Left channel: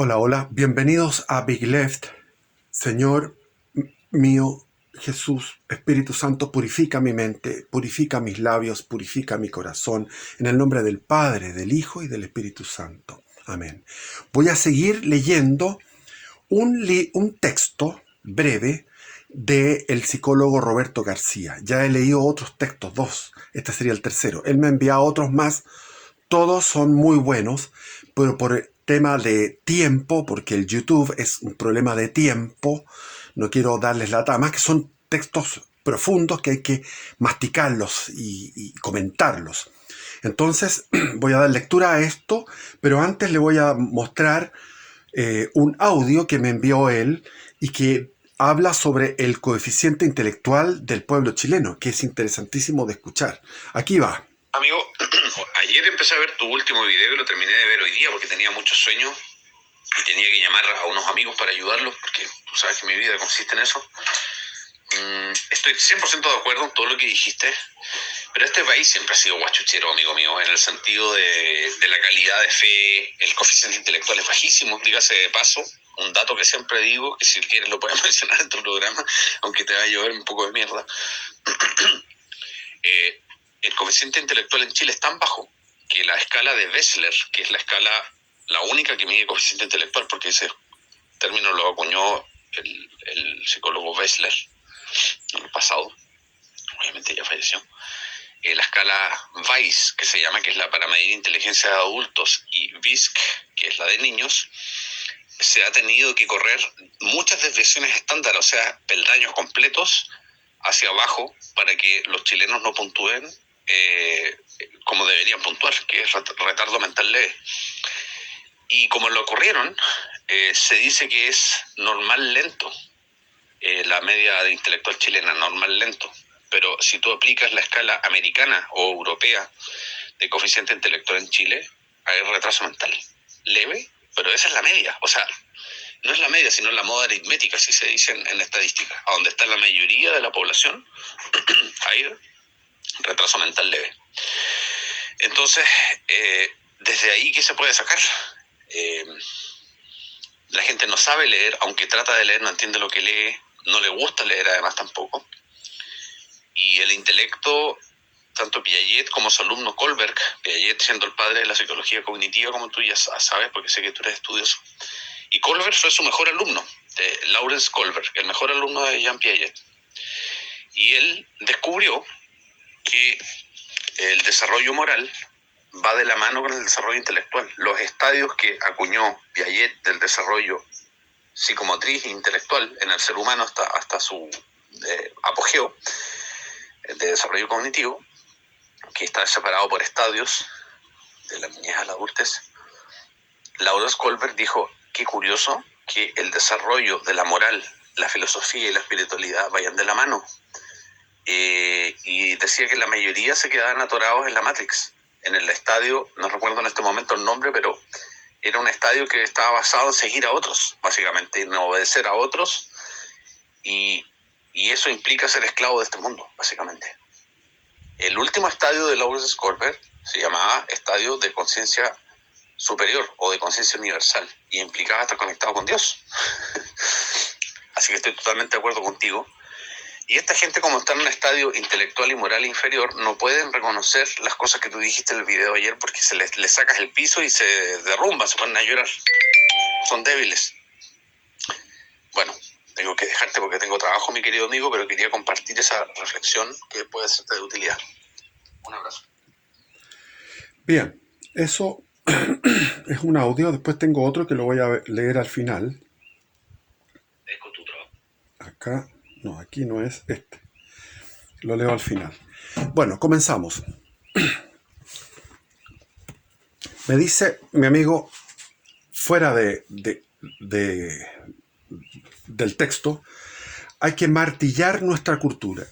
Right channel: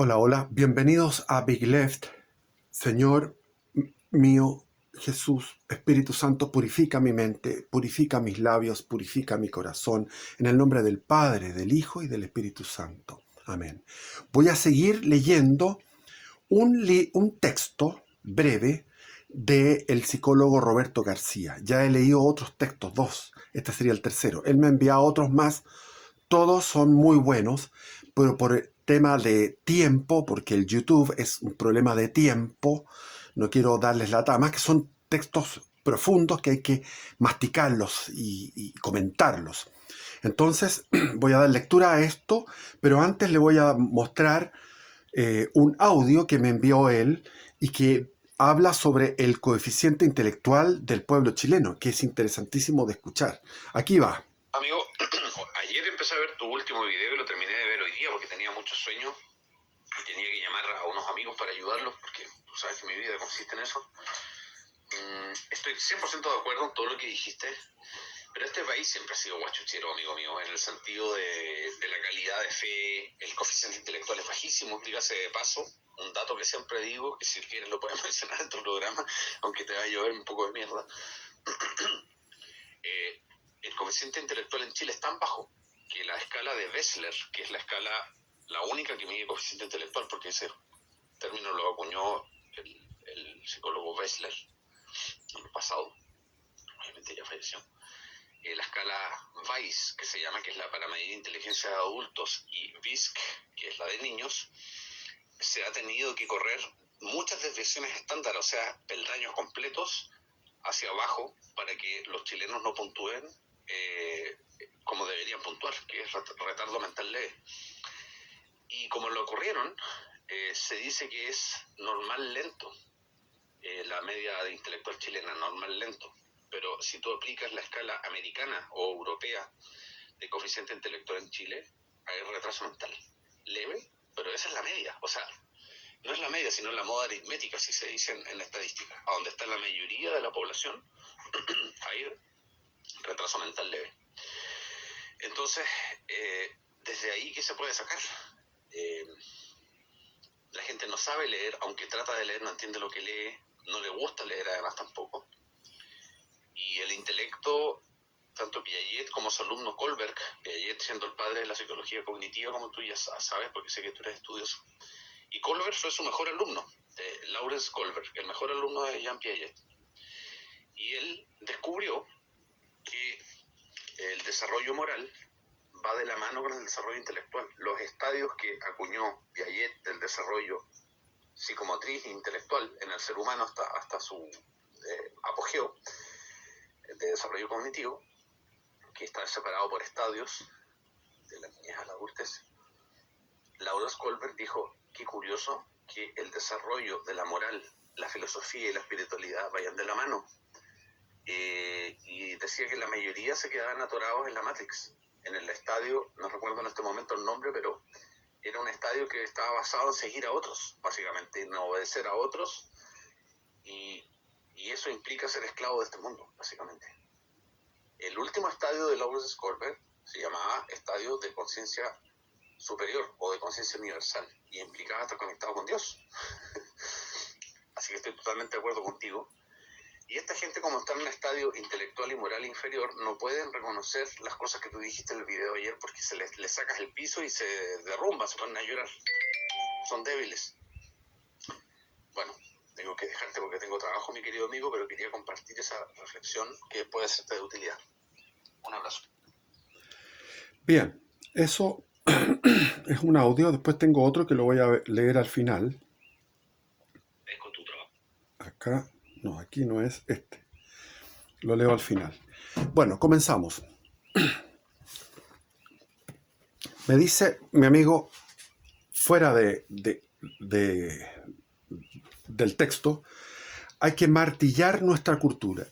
Hola, hola, bienvenidos a Big Left. Señor mío, Jesús, Espíritu Santo, purifica mi mente, purifica mis labios, purifica mi corazón, en el nombre del Padre, del Hijo y del Espíritu Santo. Amén. Voy a seguir leyendo un texto breve del psicólogo Roberto García. Ya he leído otros textos, dos. Este sería el tercero. Él me ha enviado otros más. Todos son muy buenos, pero por el tema de tiempo, porque el YouTube es un problema de tiempo, no quiero darles lata, más que son textos profundos que hay que masticarlos y comentarlos. Entonces voy a dar lectura a esto, pero antes le voy a mostrar un audio que me envió él y que habla sobre el coeficiente intelectual del pueblo chileno, que es interesantísimo de escuchar. Aquí va. Amigo, ayer empecé a ver tu último video y lo terminé de ver hoy día porque tenía muchos sueños y tenía que llamar a unos amigos para ayudarlos porque tú sabes que mi vida consiste en eso. Estoy 100% de acuerdo en todo lo que dijiste, pero este país siempre ha sido guachuchero, amigo mío, en el sentido de la calidad de fe. El coeficiente intelectual es bajísimo, dígase de paso. Un dato que siempre digo, que si quieres lo puedes mencionar en tu programa, aunque te va a llover un poco de mierda. El coeficiente intelectual en Chile es tan bajo que la escala de Wechsler, que es la única que mide coeficiente intelectual, porque ese término lo acuñó el psicólogo Wechsler en el pasado, obviamente ya falleció. La escala Weiss, que se llama, que es la para medir inteligencia de adultos, y WISC, que es la de niños, se ha tenido que correr muchas desviaciones estándar, o sea, peldaños completos hacia abajo para que los chilenos no puntúen como deberían puntuar, que es retardo mental leve. Y como lo ocurrieron, se dice que es normal lento, la media de intelectual chilena, normal lento. Pero si tú aplicas la escala americana o europea de coeficiente intelectual en Chile, hay retraso mental leve, pero esa es la media. O sea, no es la media, sino la moda aritmética, así se dice en estadística, a donde está la mayoría de la población, hay retraso mental leve. Entonces, desde ahí, ¿qué se puede sacar? La gente no sabe leer, aunque trata de leer, no entiende lo que lee, no le gusta leer además tampoco. Y el intelecto, tanto Piaget como su alumno Kohlberg, Piaget siendo el padre de la psicología cognitiva, como tú ya sabes, porque sé que tú eres estudioso, y Kohlberg fue su mejor alumno, Lawrence Kohlberg, el mejor alumno de Jean Piaget. Y él descubrió que el desarrollo moral va de la mano con el desarrollo intelectual. Los estadios que acuñó Piaget del desarrollo psicomotriz e intelectual en el ser humano hasta su apogeo de desarrollo cognitivo, que está separado por estadios de la niñez a la adultez. Lawrence Kohlberg dijo, qué curioso que el desarrollo de la moral, la filosofía y la espiritualidad vayan de la mano. Y decía que la mayoría se quedaban atorados en la Matrix, en el estadio, no recuerdo en este momento el nombre, pero era un estadio que estaba basado en seguir a otros, básicamente, en obedecer a otros, y eso implica ser esclavo de este mundo, básicamente. El último estadio de Lawrence Kohlberg se llamaba estadio de conciencia superior o de conciencia universal, y implicaba estar conectado con Dios. Así que estoy totalmente de acuerdo contigo. Y esta gente, como está en un estadio intelectual y moral inferior, no pueden reconocer las cosas que tú dijiste en el video ayer porque les sacas el piso y se derrumban, se ponen a llorar. Son débiles. Bueno, tengo que dejarte porque tengo trabajo, mi querido amigo, pero quería compartir esa reflexión que puede serte de utilidad. Un abrazo. Bien, eso es un audio. Después tengo otro que lo voy a leer al final. Es con tu trabajo. Acá, no, aquí no es este. Lo leo al final. Bueno, comenzamos. Me dice mi amigo, fuera del texto, hay que martillar nuestra cultura,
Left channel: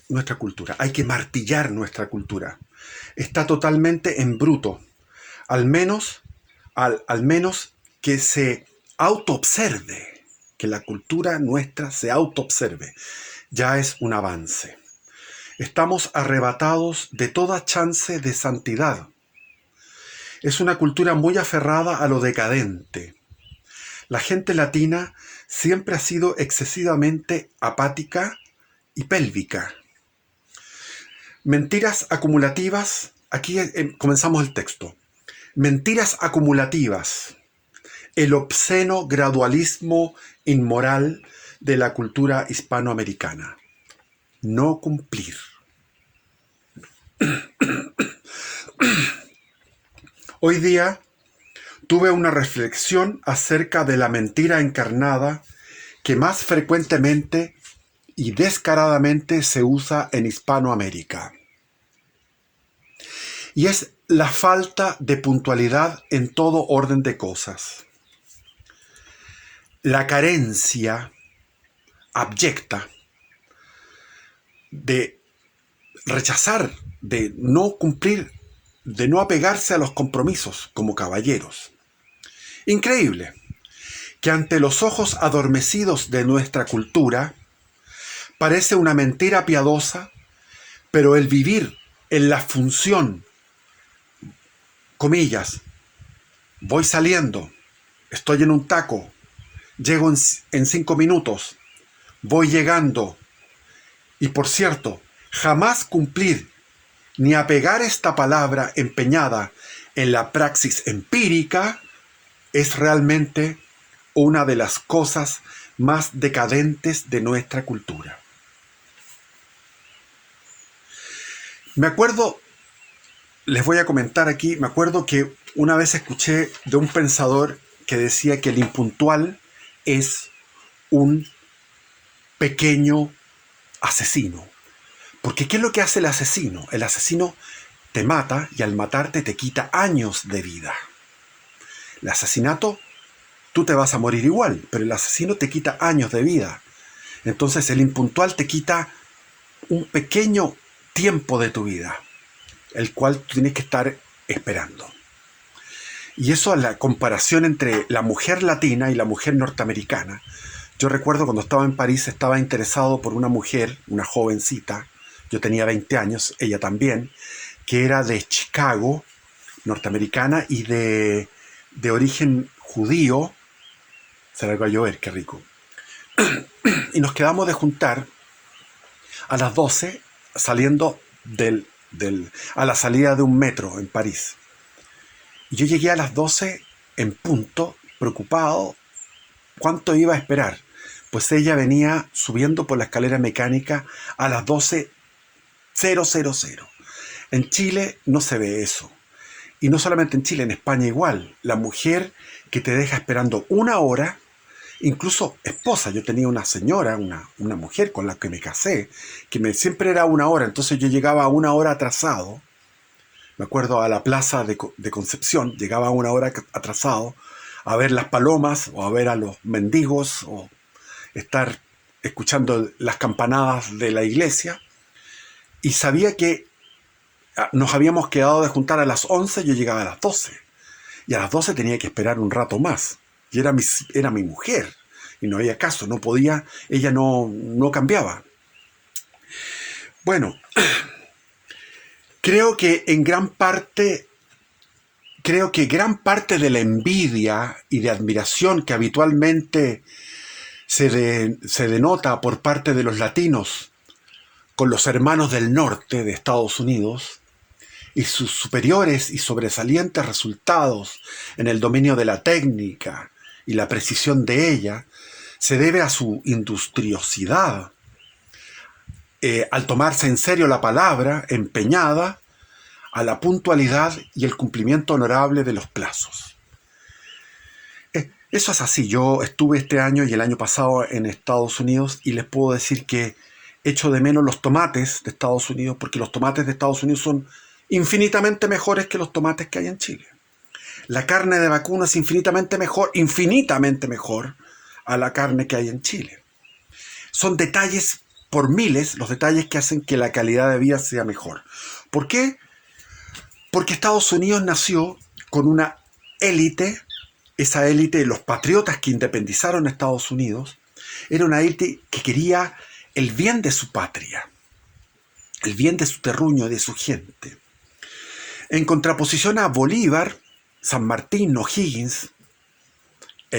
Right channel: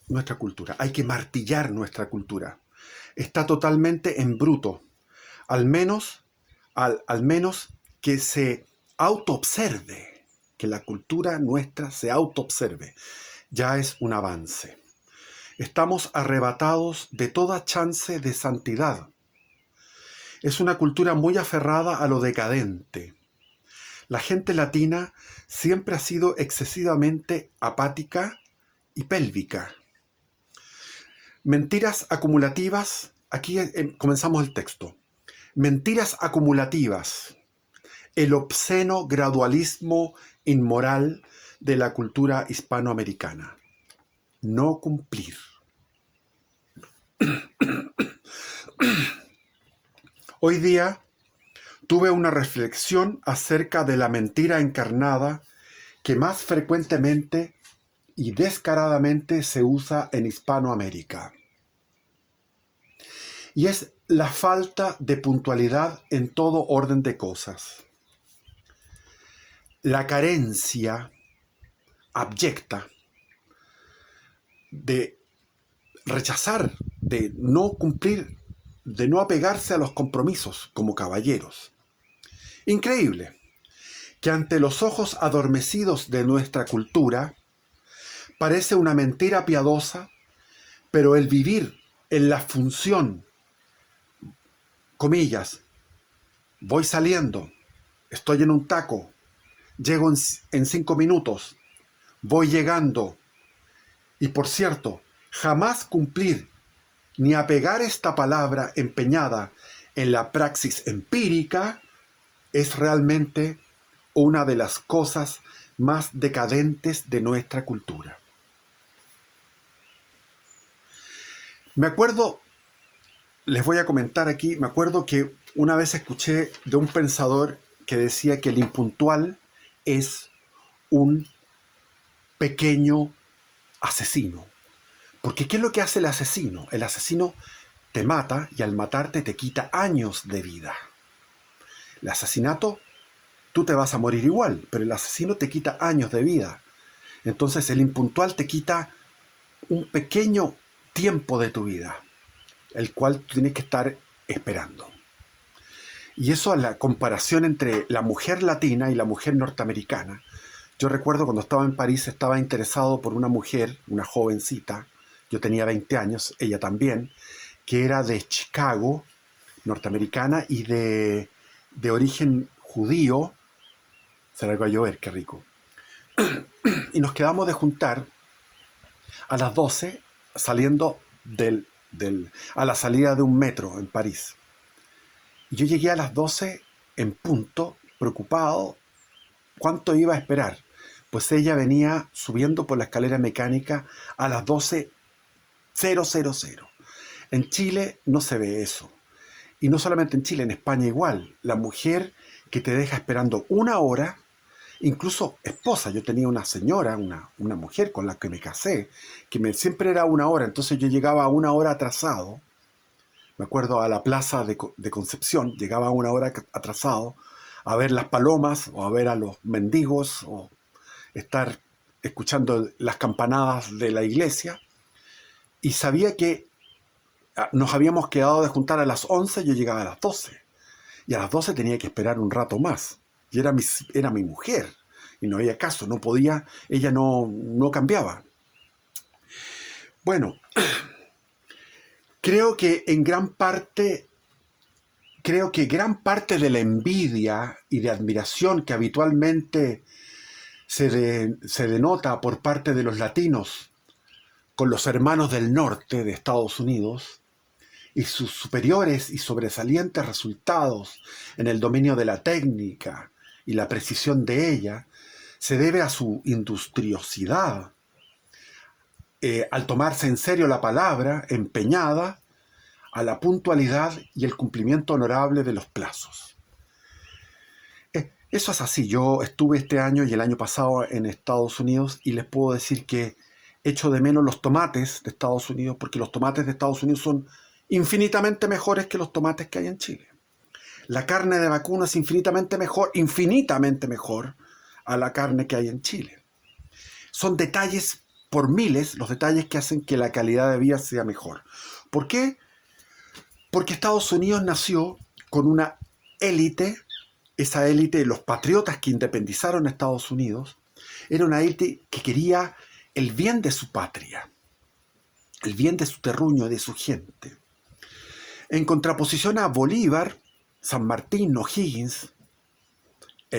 hay que martillar nuestra cultura. Está totalmente en bruto. Al menos que se autoobserve, que la cultura nuestra se autoobserve, ya es un avance. Estamos arrebatados de toda chance de santidad. Es una cultura muy aferrada a lo decadente. La gente latina siempre ha sido excesivamente apática y pélvica. Mentiras acumulativas, aquí comenzamos el texto. Mentiras acumulativas, el obsceno gradualismo inmoral de la cultura hispanoamericana. No cumplir. Hoy día tuve una reflexión acerca de la mentira encarnada que más frecuentemente y descaradamente se usa en Hispanoamérica. Y es la falta de puntualidad en todo orden de cosas. La carencia abyecta de rechazar, de no cumplir, de no apegarse a los compromisos como caballeros. Increíble que ante los ojos adormecidos de nuestra cultura parece una mentira piadosa, pero el vivir en la función, comillas, voy saliendo, estoy en un taco, llego en 5 minutos, voy llegando, y por cierto, jamás cumplir ni apegar esta palabra empeñada en la praxis empírica es realmente una de las cosas más decadentes de nuestra cultura. Me acuerdo, les voy a comentar aquí, me acuerdo que una vez escuché de un pensador que decía que el impuntual es un pequeño asesino. Porque ¿qué es lo que hace el asesino? El asesino te mata y al matarte te quita años de vida. El asesinato, tú te vas a morir igual, pero el asesino te quita años de vida. Entonces el impuntual te quita un pequeño tiempo de tu vida, el cual tú tienes que estar esperando. Y eso es la comparación entre la mujer latina y la mujer norteamericana. Yo recuerdo cuando estaba en París, estaba interesado por una mujer, una jovencita, yo tenía 20 años, ella también, que era de Chicago, norteamericana, y de origen judío. Se la va a llover, qué rico. Y nos quedamos de juntar a las 12, saliendo a la salida de un metro en París. Y yo llegué a las 12 en punto, preocupado, ¿cuánto iba a esperar? Pues ella venía subiendo por la escalera mecánica a las 12:000. En Chile no se ve eso. Y no solamente en Chile, en España igual. La mujer que te deja esperando 1 hora, incluso esposa. Yo tenía una señora, una mujer con la que me casé, que siempre era 1 hora. Entonces yo llegaba 1 hora atrasado. Me acuerdo a la plaza de Concepción, llegaba 1 hora atrasado a ver las palomas o a ver a los mendigos o estar escuchando las campanadas de la iglesia. Y sabía que nos habíamos quedado de juntar a las 11, yo llegaba a las 12. Y a las 12 tenía que esperar un rato más. Y era mi mujer. Y no había caso, no podía, ella no cambiaba. Bueno, creo que gran parte de la envidia y de admiración que habitualmente se denota por parte de los latinos con los hermanos del norte de Estados Unidos y sus superiores y sobresalientes resultados en el dominio de la técnica y la precisión de ella, se debe a su industriosidad, al tomarse en serio la palabra empeñada, a la puntualidad y el cumplimiento honorable de los plazos. Eso es así. Yo estuve este año y el año pasado en Estados Unidos y les puedo decir que echo de menos los tomates de Estados Unidos, porque los tomates de Estados Unidos son infinitamente mejores que los tomates que hay en Chile. La carne de vacuno es infinitamente mejor a la carne que hay en Chile. Son detalles por miles los detalles que hacen que la calidad de vida sea mejor. ¿Por qué? Porque Estados Unidos nació con una élite, esa élite, los patriotas que independizaron a Estados Unidos, era una élite que quería el bien de su patria, el bien de su terruño, de su gente. En contraposición a Bolívar, San Martín, O'Higgins,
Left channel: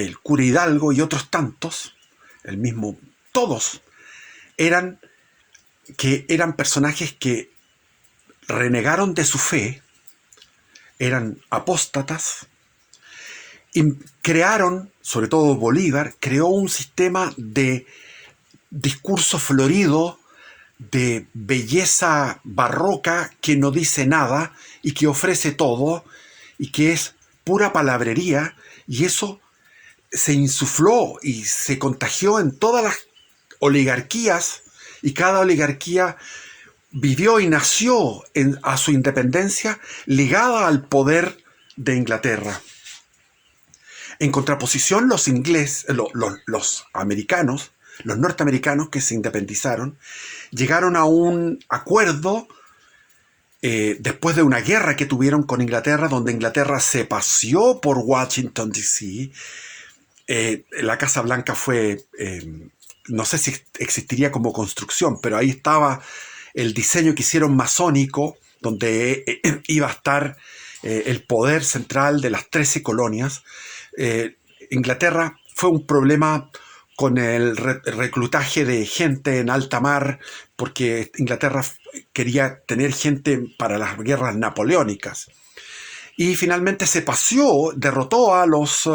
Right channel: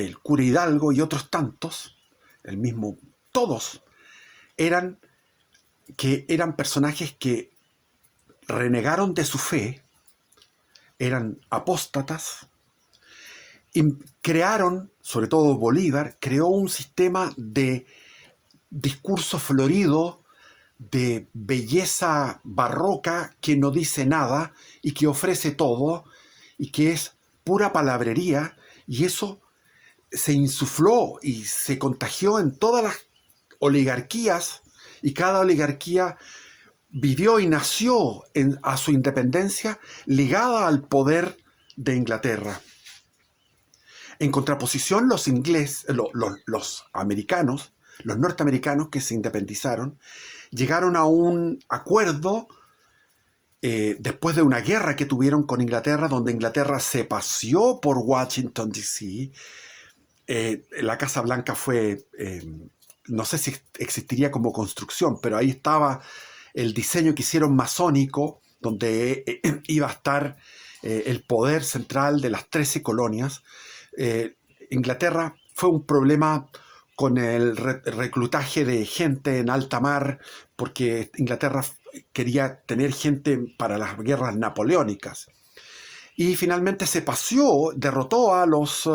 el cura Hidalgo y otros tantos, el mismo, todos eran personajes que renegaron de su fe, eran apóstatas, y crearon, sobre todo Bolívar, creó un sistema de discurso florido, de belleza barroca que no dice nada y que ofrece todo y que es pura palabrería, y eso se insufló y se contagió en todas las oligarquías, y cada oligarquía vivió y nació a su independencia ligada al poder de Inglaterra. En contraposición, los americanos, los norteamericanos que se independizaron, llegaron a un acuerdo después de una guerra que tuvieron con Inglaterra, donde Inglaterra se paseó por Washington, D.C. La Casa Blanca fue, no sé si existiría como construcción, pero ahí estaba el diseño que hicieron masónico, donde iba a estar el poder central de las 13 colonias. Inglaterra fue un problema con el reclutaje de gente en alta mar, porque Inglaterra quería tener gente para las guerras napoleónicas. Y finalmente se paseó, derrotó a los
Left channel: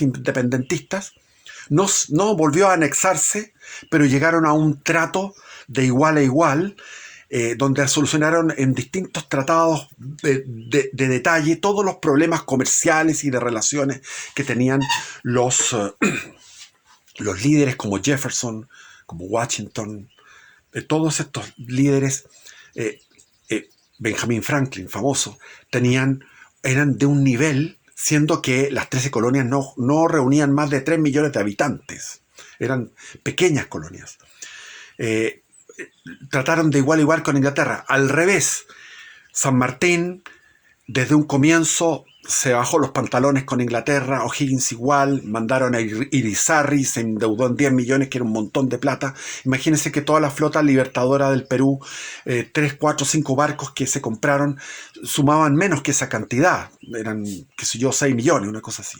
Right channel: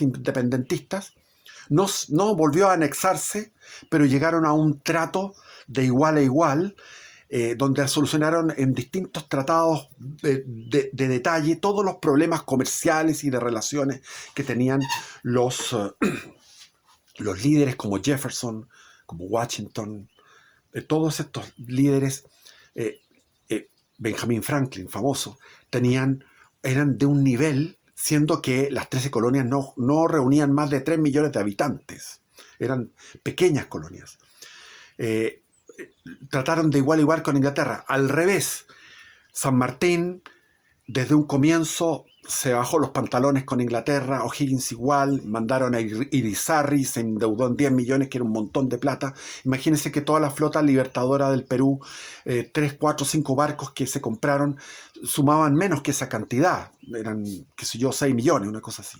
independentistas, no volvió a anexarse, pero llegaron a un trato de igual a igual, donde solucionaron en distintos tratados de detalle todos los problemas comerciales y de relaciones que tenían los líderes como Jefferson, como Washington, todos estos líderes, Benjamin Franklin, famoso, eran de un nivel, siendo que las 13 colonias no reunían más de 3 millones de habitantes, eran pequeñas colonias. Trataron de igual a igual con Inglaterra. Al revés, San Martín, desde un comienzo, se bajó los pantalones con Inglaterra, O'Higgins igual, mandaron a Irizarry, se endeudó en 10 millones, que era un montón de plata. Imagínense que toda la flota libertadora del Perú, 3, 4, 5 barcos que se compraron, sumaban menos que esa cantidad, eran, qué sé yo, 6 millones, una cosa así.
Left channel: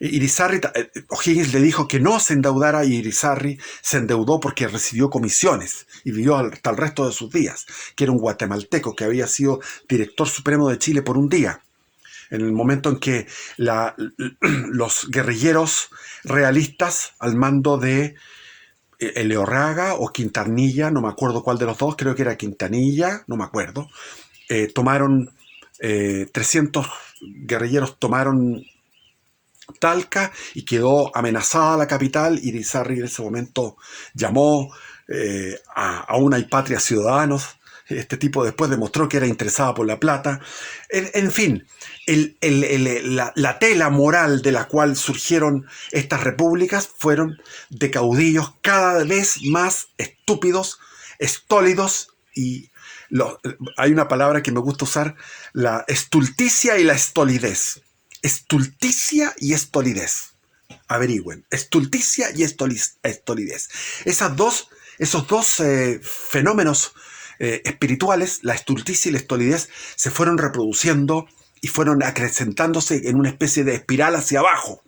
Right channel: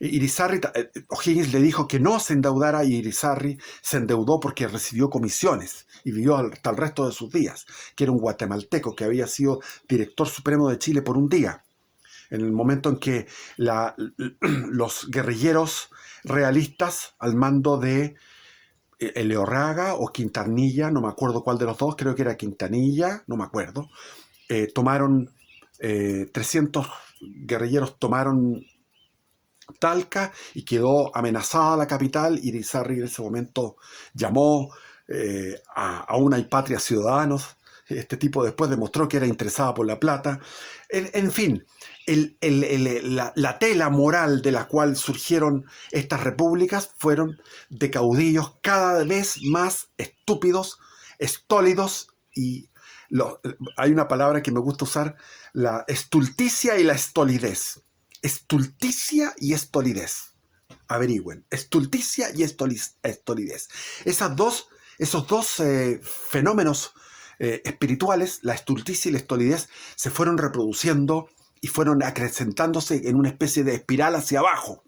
Irizarry, O'Higgins le dijo que no se endeudara, y Irizarry se endeudó porque recibió comisiones y vivió hasta el resto de sus días, que era un guatemalteco que había sido director supremo de Chile por un día, en el momento en que los guerrilleros realistas al mando de Eleorraga o Quintanilla, no me acuerdo cuál de los dos, creo que era Quintanilla, no me acuerdo, tomaron 300 guerrilleros tomaron Talca y quedó amenazada la capital. Irizarry en ese momento llamó a una y patria ciudadanos. Este tipo después demostró que era interesada por la plata. En fin, la tela moral de la cual surgieron estas repúblicas fueron de caudillos cada vez más estúpidos, estólidos, y hay una palabra que me gusta usar, la estulticia y la estolidez. Estulticia y estolidez. Averigüen. Estulticia y estolidez. Esos dos fenómenos espirituales, la estulticia y la estolidez, se fueron reproduciendo y fueron acrecentándose en una especie de espiral hacia abajo.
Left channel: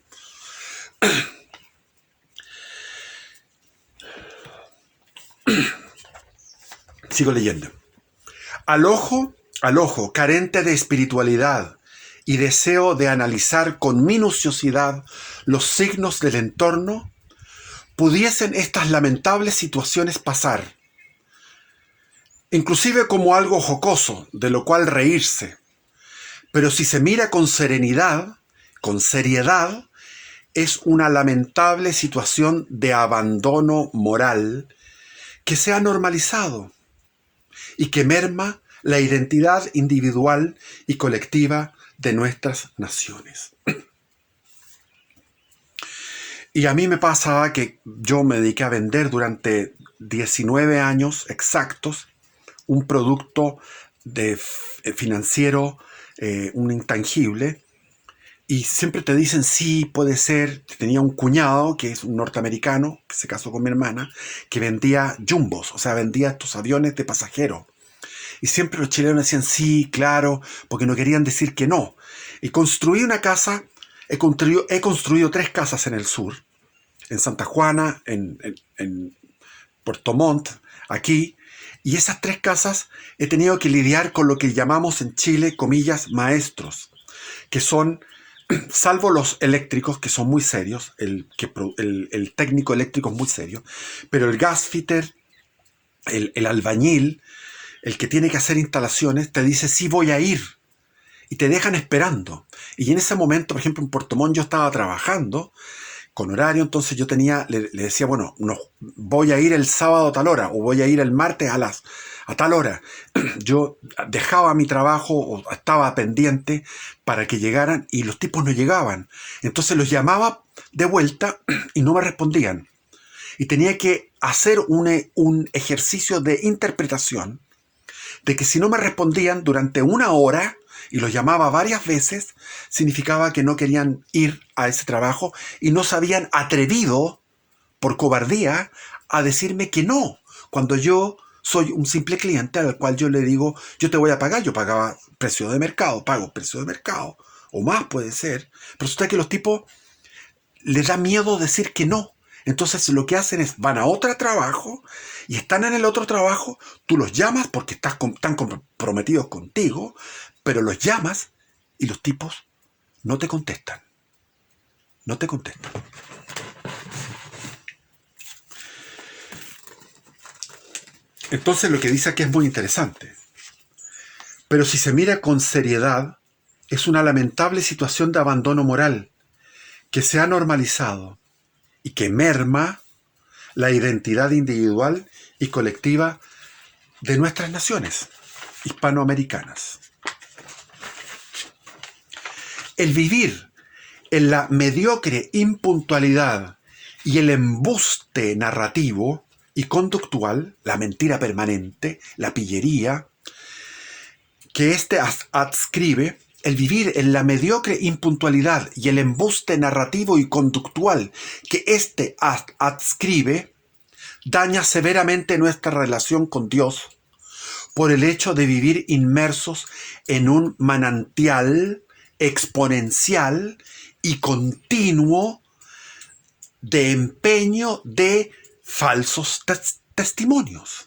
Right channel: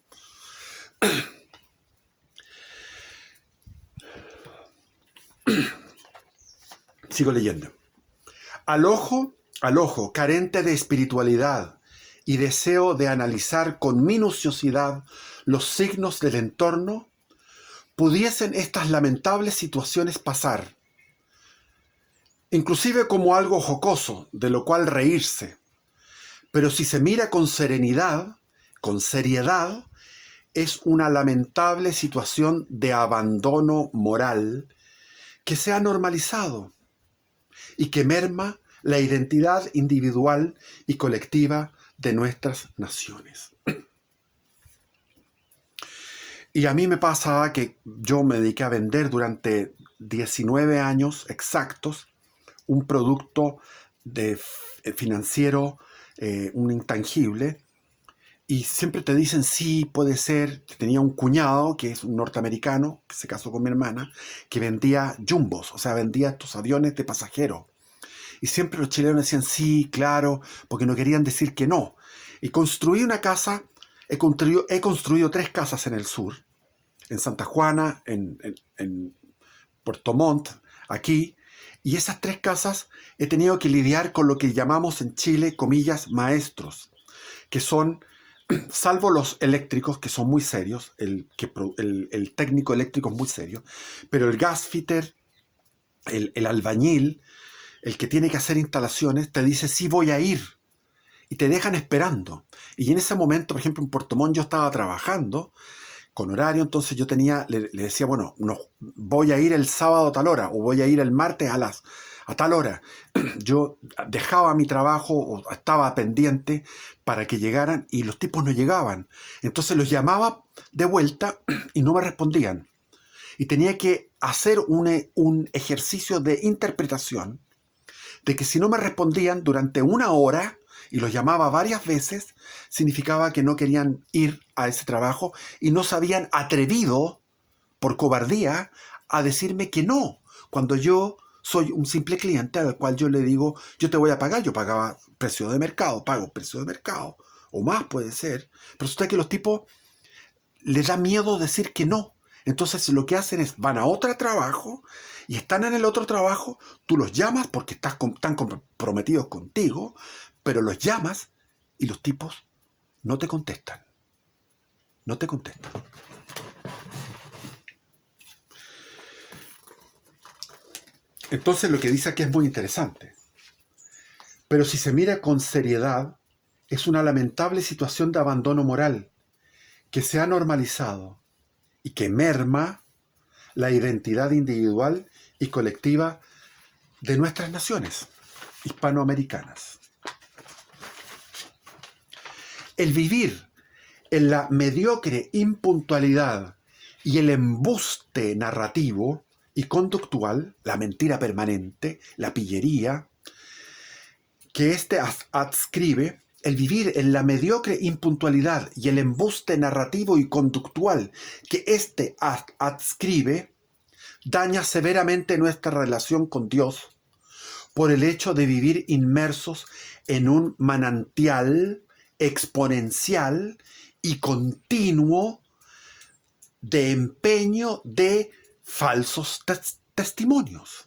Sigo leyendo. Al ojo carente de espiritualidad y deseo de analizar con minuciosidad los signos del entorno, pudiesen estas lamentables situaciones pasar, inclusive como algo jocoso, de lo cual reírse. Pero si se mira con serenidad, con seriedad, es una lamentable situación de abandono moral que se ha normalizado y que merma la identidad individual y colectiva de nuestras naciones. Y a mí me pasaba que yo me dediqué a vender durante 19 años exactos un producto financiero, un intangible, y siempre te dicen sí, puede ser. Tenía un cuñado que es un norteamericano que se casó con mi hermana, que vendía jumbos, o sea, vendía estos aviones de pasajeros. Y siempre los chilenos decían sí, claro, porque no querían decir que no. Y construí una casa He construido 3 casas en el sur, en Santa Juana, en Puerto Montt, aquí, y esas 3 casas he tenido que lidiar con lo que llamamos en Chile, comillas, maestros, que son, salvo los eléctricos, que son muy serios, el técnico eléctrico es muy serio, pero el gasfitter, el albañil, el que tiene que hacer instalaciones, te dice, sí voy a ir, y te dejan esperando. Y en ese momento, por ejemplo, en Puerto Montt yo estaba trabajando con horario, entonces yo le decía, bueno, no, voy a ir el sábado a tal hora, o voy a ir el martes a tal hora. Yo dejaba mi trabajo o estaba pendiente para que llegaran y los tipos no llegaban. Entonces los llamaba de vuelta y no me respondían. Y tenía que hacer un ejercicio de interpretación de que si no me respondían durante 1 hora y los llamaba varias veces, significaba que no querían ir a ese trabajo y no se habían atrevido, por cobardía, a decirme que no, cuando yo soy un simple cliente al cual yo le digo, yo te voy a pagar, yo pagaba precio de mercado, pago precio de mercado, o más puede ser, pero resulta que los tipos les da miedo decir que no. Entonces lo que hacen es, van a otro trabajo y están en el otro trabajo, tú los llamas porque están comprometidos contigo, pero los llamas y los tipos no te contestan. No te contestan. Entonces lo que dice aquí es muy interesante. Pero si se mira con seriedad, es una lamentable situación de abandono moral que se ha normalizado y que merma la identidad individual y colectiva de nuestras naciones hispanoamericanas. El vivir en la mediocre impuntualidad y el embuste narrativo y conductual, la mentira permanente, la pillería, que adscribe, el vivir en la mediocre impuntualidad y el embuste narrativo y conductual que adscribe, daña severamente nuestra relación con Dios por el hecho de vivir inmersos en un manantial exponencial y continuo de empeño de falsos testimonios.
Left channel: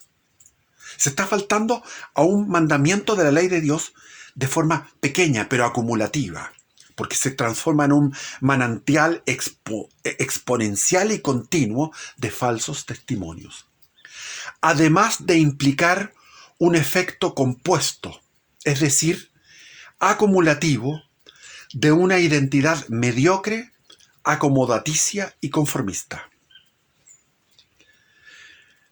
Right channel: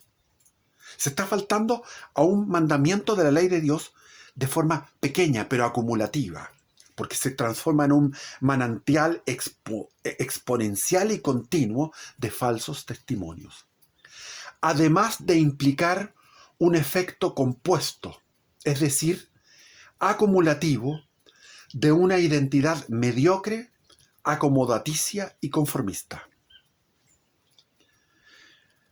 Se está faltando a un mandamiento de la ley de Dios de forma pequeña pero acumulativa, porque se transforma en un manantial exponencial y continuo de falsos testimonios. Además de implicar un efecto compuesto, es decir, acumulativo, de una identidad mediocre, acomodaticia y conformista.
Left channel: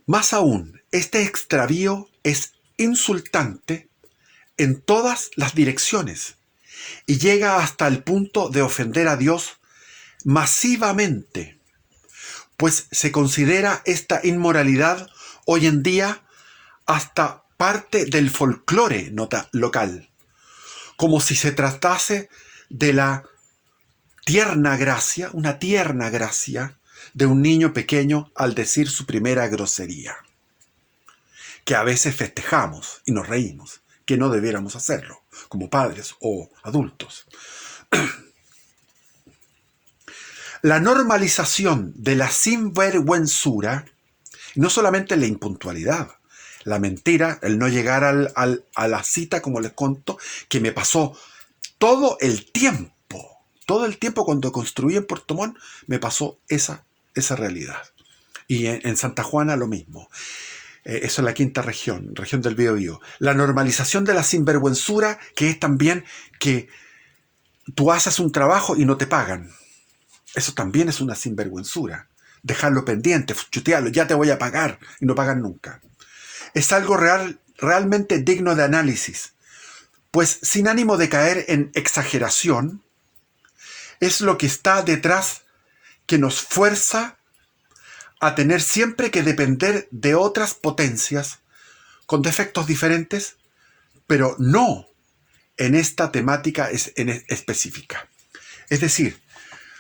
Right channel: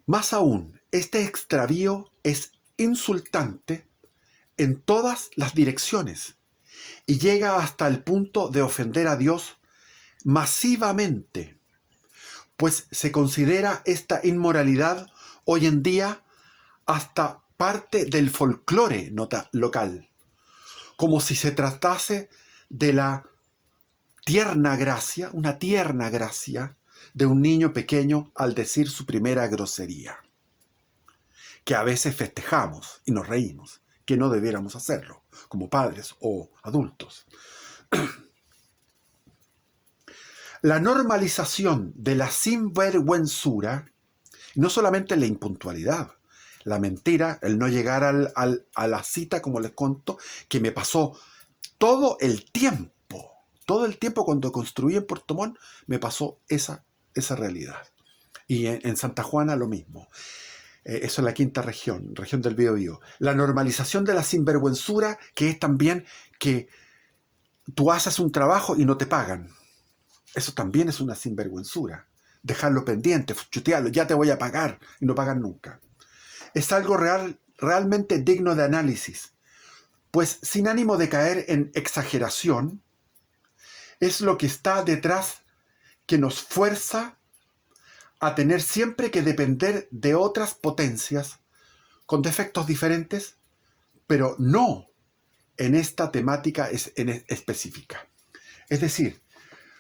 Más aún, este extravío es insultante en todas las direcciones y llega hasta el punto de ofender a Dios masivamente, pues se considera esta inmoralidad hoy en día hasta parte del folclore local, como si se tratase de la tierna gracia, una tierna gracia de un niño pequeño al decir su primera grosería, que a veces festejamos y nos reímos, que no debiéramos hacerlo, como padres o adultos. La normalización de la sinvergüenzura, no solamente la impuntualidad, la mentira, el no llegar a la cita, como les conto, que me pasó todo el tiempo cuando construí en Puerto Montt, me pasó esa realidad. Y en Santa Juana lo mismo. Eso es la quinta región del Biobío. La normalización de la sinvergüenzura, que es también que tú haces un trabajo y no te pagan. Eso también es una sinvergüenzura. Dejarlo pendiente, chutearlo, ya te voy a pagar, y no pagan nunca. Es algo realmente digno de análisis, pues sin ánimo de caer en exageración, es lo que está detrás que nos fuerza a tener siempre que depender de otras potencias con defectos diferentes, pero no en esta temática específica. Es decir,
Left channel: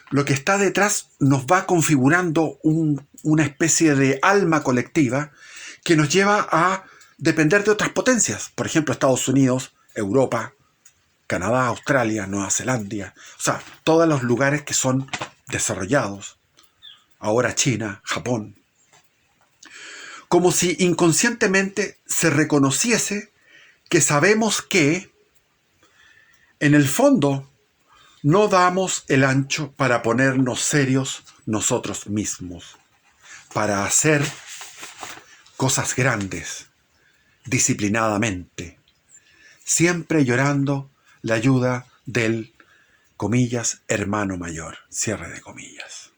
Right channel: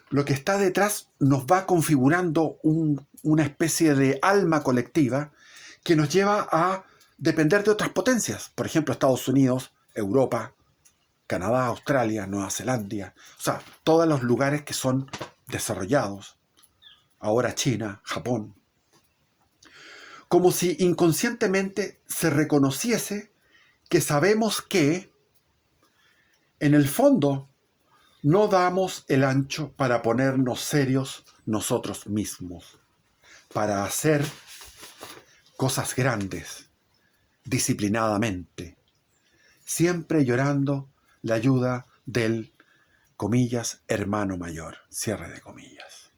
lo que está detrás nos va configurando una especie de alma colectiva que nos lleva a depender de otras potencias, por ejemplo, Estados Unidos, Europa, Canadá, Australia, Nueva Zelanda, o sea, todos los lugares que son desarrollados, ahora China, Japón, como si inconscientemente se reconociese que sabemos que, en el fondo, no damos el ancho para ponernos serios nosotros mismos, para hacer cosas grandes, disciplinadamente, siempre llorando la ayuda del, comillas, hermano mayor, cierre de comillas.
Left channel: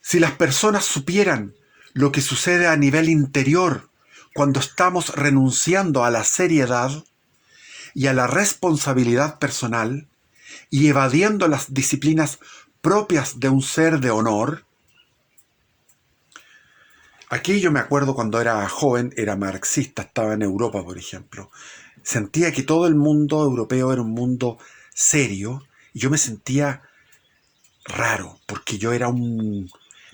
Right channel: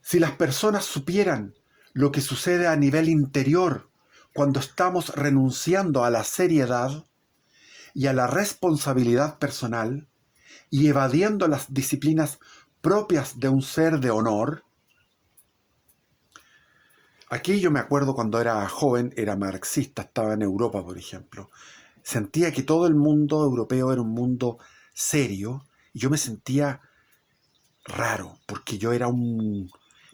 Si las personas supieran lo que sucede a nivel interior cuando estamos renunciando a la seriedad y a la responsabilidad personal y evadiendo las disciplinas propias de un ser de honor. Aquí yo me acuerdo cuando era joven, era marxista, estaba en Europa, por ejemplo. Sentía que todo el mundo europeo era un mundo serio y yo me sentía raro porque yo era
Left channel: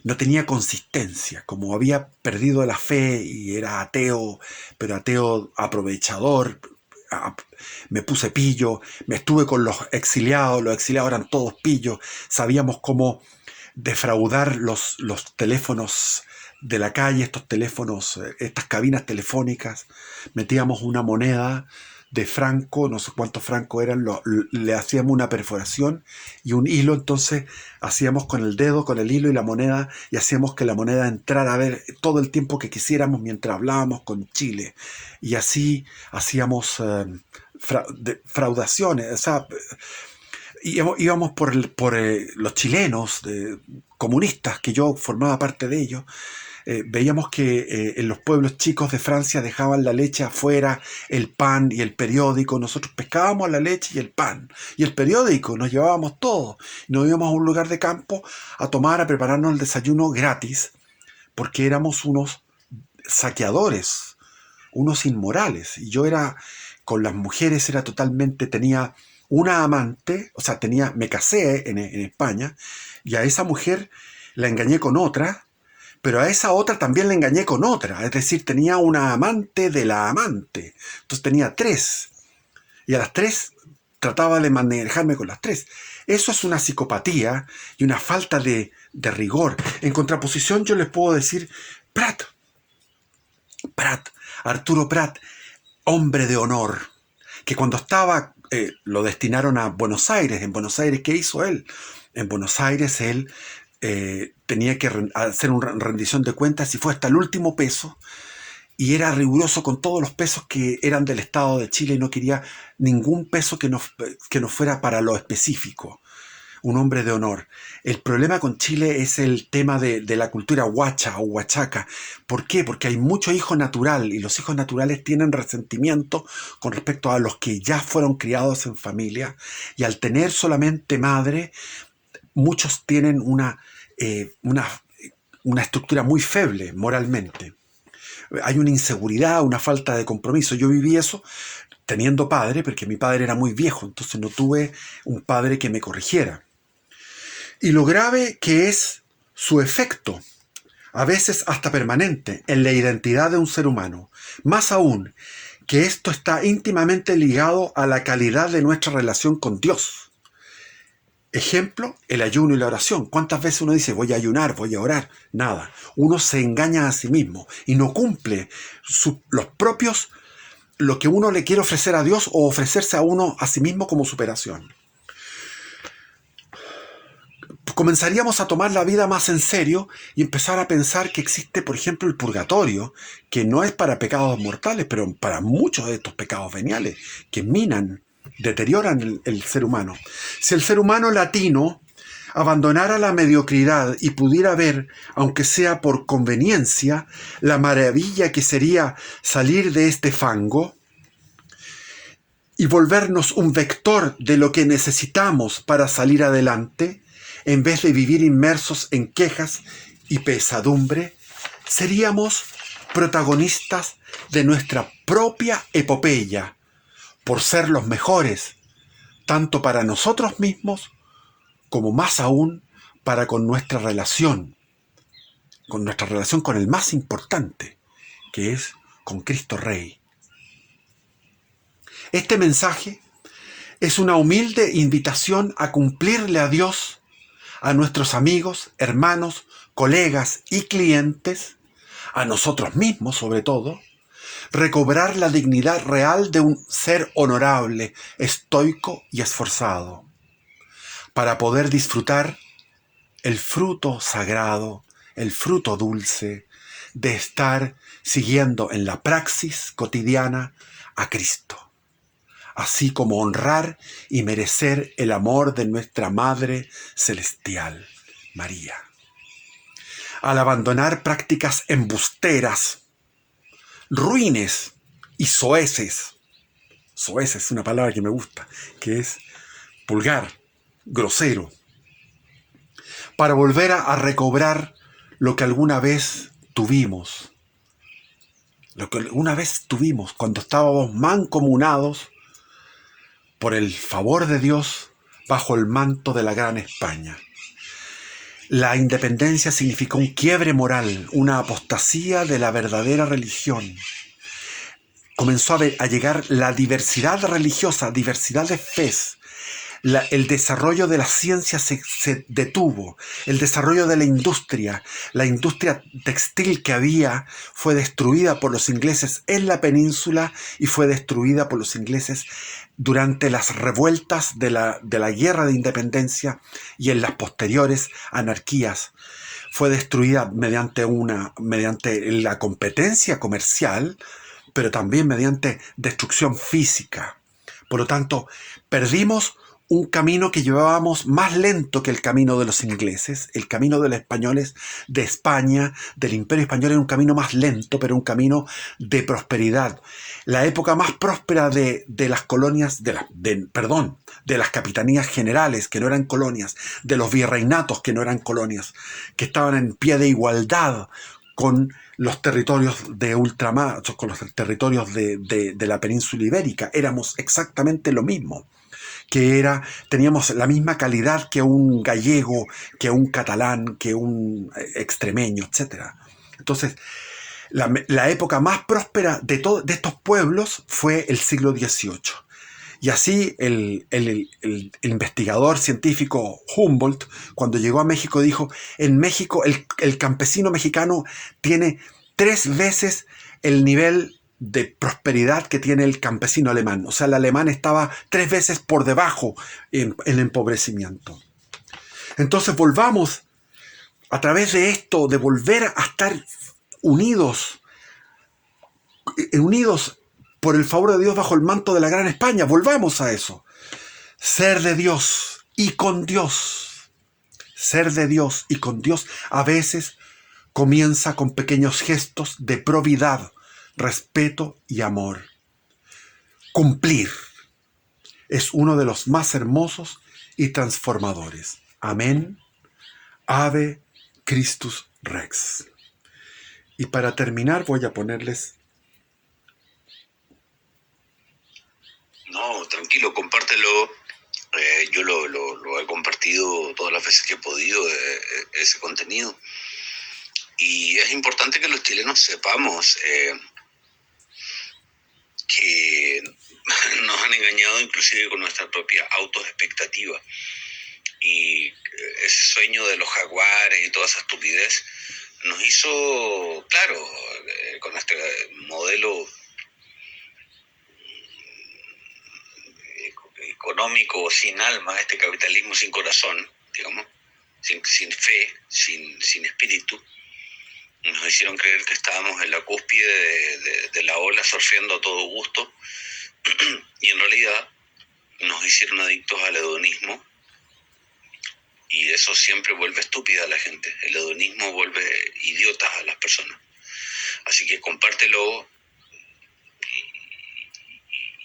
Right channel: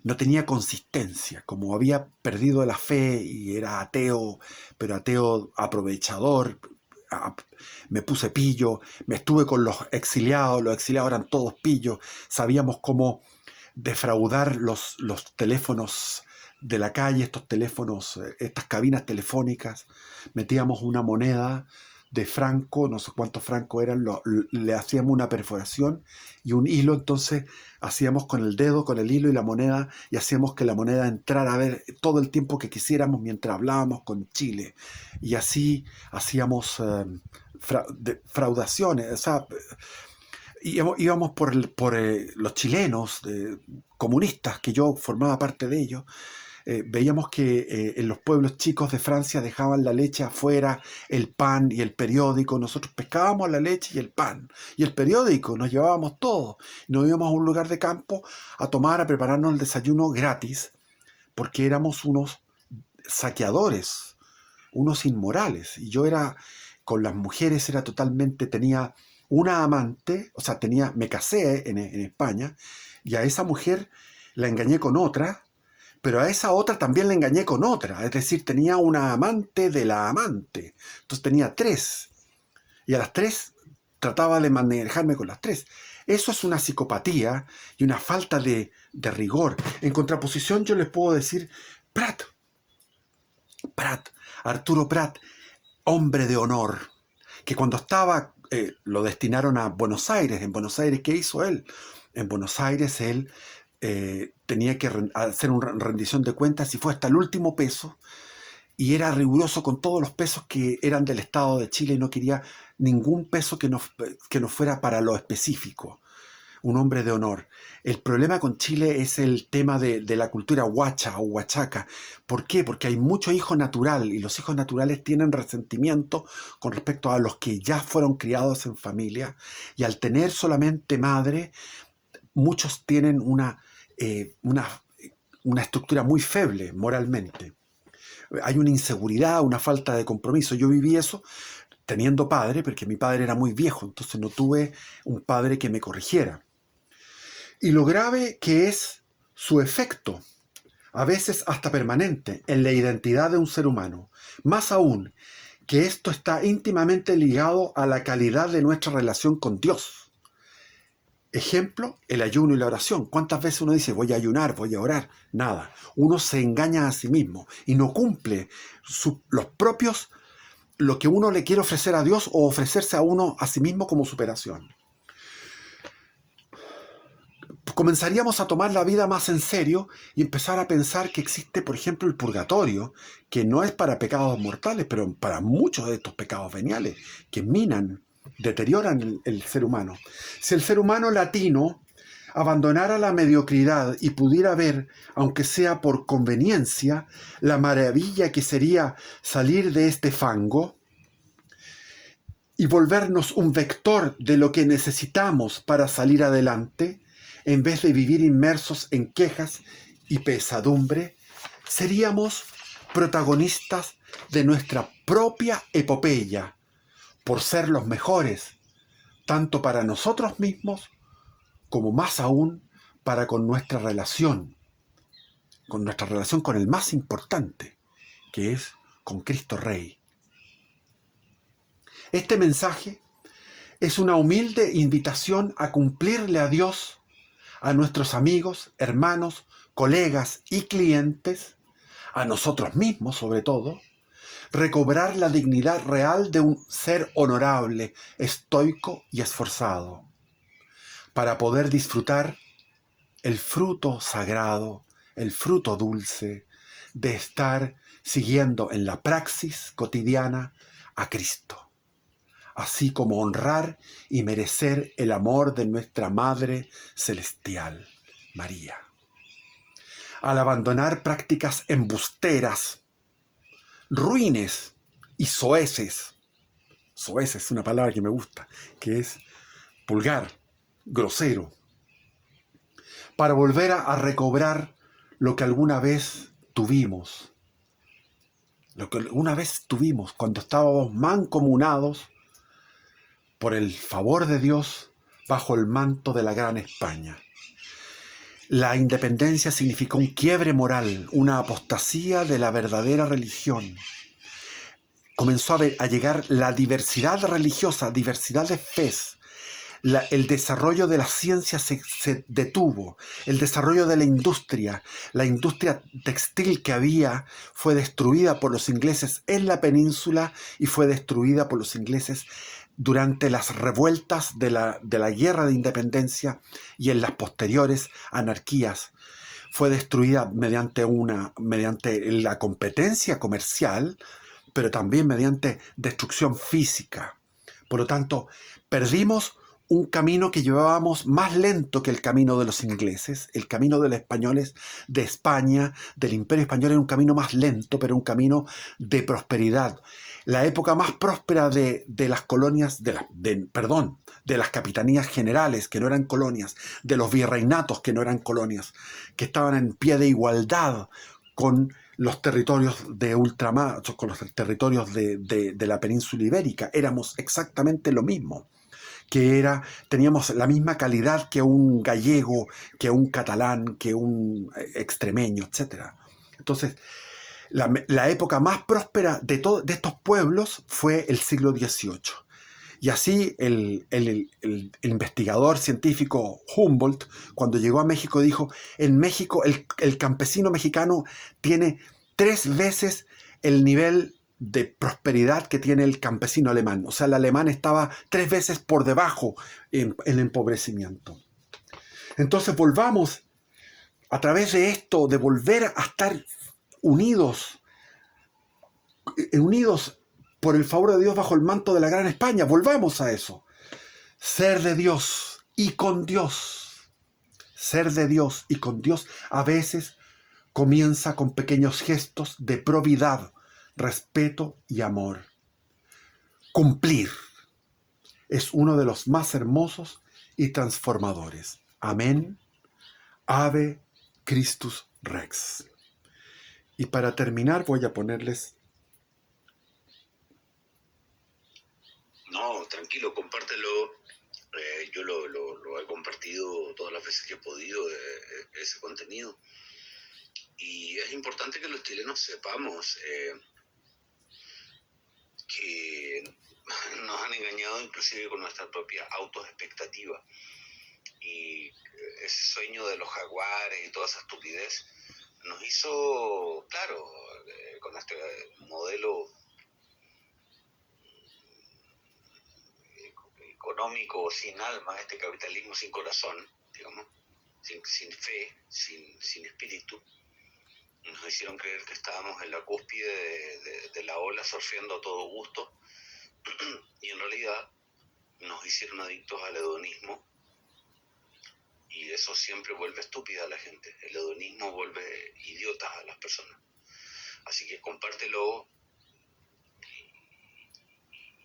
no tenía consistencia, como había perdido la fe y era ateo, pero ateo aprovechador. Me puse pillo, me estuve con los exiliados eran todos pillos, sabíamos cómo defraudar los teléfonos de la calle, estos teléfonos, estas cabinas telefónicas, metíamos una moneda de franco, no sé cuántos francos eran, le hacíamos una perforación y un hilo, entonces hacíamos con el dedo, con el hilo y la moneda, y hacíamos que la moneda entrara a ver todo el tiempo que quisiéramos mientras hablábamos con Chile. Y así hacíamos fraudaciones, o sea, íbamos por los chilenos comunistas, que yo formaba parte de ellos. Veíamos que en los pueblos chicos de Francia dejaban la leche afuera, el pan y el periódico. Nosotros pescábamos la leche y el pan y el periódico, nos llevábamos todo. Nos íbamos a un lugar de campo a tomar, a prepararnos el desayuno gratis, porque éramos unos saqueadores, unos inmorales. Y yo era, con las mujeres era totalmente, tenía una amante, o sea, me casé en España, y a esa mujer la engañé con otra, pero a esa otra también la engañé con otra, es decir, tenía una amante de la amante, entonces tenía 3, y a las 3 trataba de manejarme con las 3. Eso es una psicopatía y una falta de rigor. En contraposición yo les puedo decir, Arturo Prat, hombre de honor, que cuando estaba, lo destinaron a Buenos Aires. En Buenos Aires, ¿qué hizo él? En Buenos Aires él tenía que hacer una rendición de cuentas y fue hasta el último peso, y era riguroso con todos los pesos que eran del Estado de Chile y no quería ningún peso que no fuera para lo específico. Un hombre de honor. El problema con Chile es el tema de la cultura huacha o huachaca. ¿Por qué? Porque hay mucho hijo natural y los hijos naturales tienen resentimiento con respecto a los que ya fueron criados en familia, y al tener solamente madre, muchos tienen una estructura muy feble moralmente. Hay una inseguridad, una falta de compromiso. Yo viví eso teniendo padre, porque mi padre era muy viejo, entonces no tuve un padre que me corrigiera. Y lo grave que es su efecto, a veces hasta permanente, en la identidad de un ser humano. Más aún, que esto está íntimamente ligado a la calidad de nuestra relación con Dios. Ejemplo, el ayuno y la oración. ¿Cuántas veces uno dice, voy a ayunar, voy a orar? Nada. Uno se engaña a sí mismo y no cumple lo que uno le quiere ofrecer a Dios o ofrecerse a uno a sí mismo como superación. Comenzaríamos a tomar la vida más en serio y empezar a pensar que existe, por ejemplo, el purgatorio, que no es para pecados mortales, pero para muchos de estos pecados veniales, que minan, deterioran el ser humano. Si el ser humano latino abandonara la mediocridad y pudiera ver, aunque sea por conveniencia, la maravilla que sería salir de este fango y volvernos un vector de lo que necesitamos para salir adelante, en vez de vivir inmersos en quejas y pesadumbre, seríamos protagonistas de nuestra propia epopeya, por ser los mejores, tanto para nosotros mismos como más aún para con nuestra relación con el más importante, que es con Cristo Rey. Este mensaje Es una humilde invitación a cumplirle a Dios, a nuestros amigos, hermanos, colegas y clientes, a nosotros mismos sobre todo, recobrar la dignidad real de un ser honorable, estoico y esforzado, para poder disfrutar el fruto sagrado, el fruto dulce de estar siguiendo en la praxis cotidiana a Cristo, así como honrar y merecer el amor de nuestra Madre Celestial, María. Al abandonar prácticas embusteras, ruines y soeces es una palabra que me gusta, que es vulgar, grosero, para volver a recobrar lo que alguna vez tuvimos, cuando estábamos mancomunados por el favor de Dios bajo el manto de la Gran España. La independencia significó un quiebre moral, una apostasía de la verdadera religión. Comenzó a llegar la diversidad religiosa, diversidad de fes. El desarrollo de la ciencia se detuvo, el desarrollo de la industria textil que había fue destruida por los ingleses en la península y fue destruida por los ingleses durante las revueltas de la guerra de independencia y en las posteriores anarquías. Fue destruida mediante la competencia comercial, pero también mediante destrucción física. Por lo tanto, perdimos un camino que llevábamos más lento que el camino de los ingleses. El camino de los españoles de España, del Imperio Español, era un camino más lento, pero un camino de prosperidad. La época más próspera de las colonias, de las capitanías generales, que no eran colonias, de los virreinatos, que no eran colonias, que estaban en pie de igualdad con los territorios de ultramar, con los territorios de la península ibérica. Éramos exactamente lo mismo. Teníamos la misma calidad que un gallego, que un catalán, que un extremeño, etc. Entonces, la época más próspera de estos pueblos fue el siglo XVIII. Y así el investigador científico Humboldt, cuando llegó a México, dijo: en México el campesino mexicano tiene 3 veces el nivel de prosperidad que tiene el campesino alemán. O sea, el alemán estaba 3 veces por debajo en el empobrecimiento. Entonces volvamos, a través de esto, de volver a estar unidos por el favor de Dios bajo el manto de la Gran España. Volvamos a eso. Ser de Dios y con Dios. Ser de Dios y con Dios a veces comienza con pequeños gestos de probidad, respeto y amor. Cumplir es uno de los más hermosos y transformadores. Amén. Ave Christus Rex. Y para terminar voy a ponerles... No, tranquilo, compártelo. Yo lo he compartido todas las veces que he podido, ese contenido. Y es importante que los chilenos sepamos que nos han engañado inclusive con nuestra propia autoexpectativa. Y ese sueño de los jaguares y toda esa estupidez nos hizo, claro, con este modelo económico sin alma, este capitalismo sin corazón, digamos, sin fe, sin espíritu, nos hicieron creer que estábamos en la cúspide de la ola, surfeando a todo gusto, y en realidad nos hicieron adictos al hedonismo, y eso siempre vuelve estúpida a la gente. El hedonismo vuelve idiotas a las personas. Así que compártelo,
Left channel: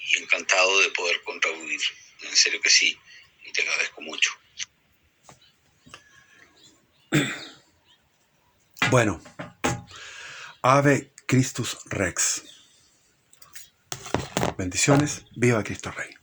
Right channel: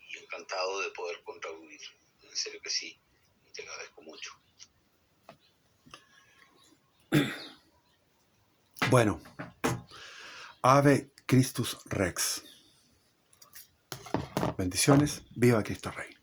y encantado de poder contribuir. En serio que sí, y te agradezco mucho. Bueno, Ave Christus Rex. Bendiciones, viva Cristo Rey.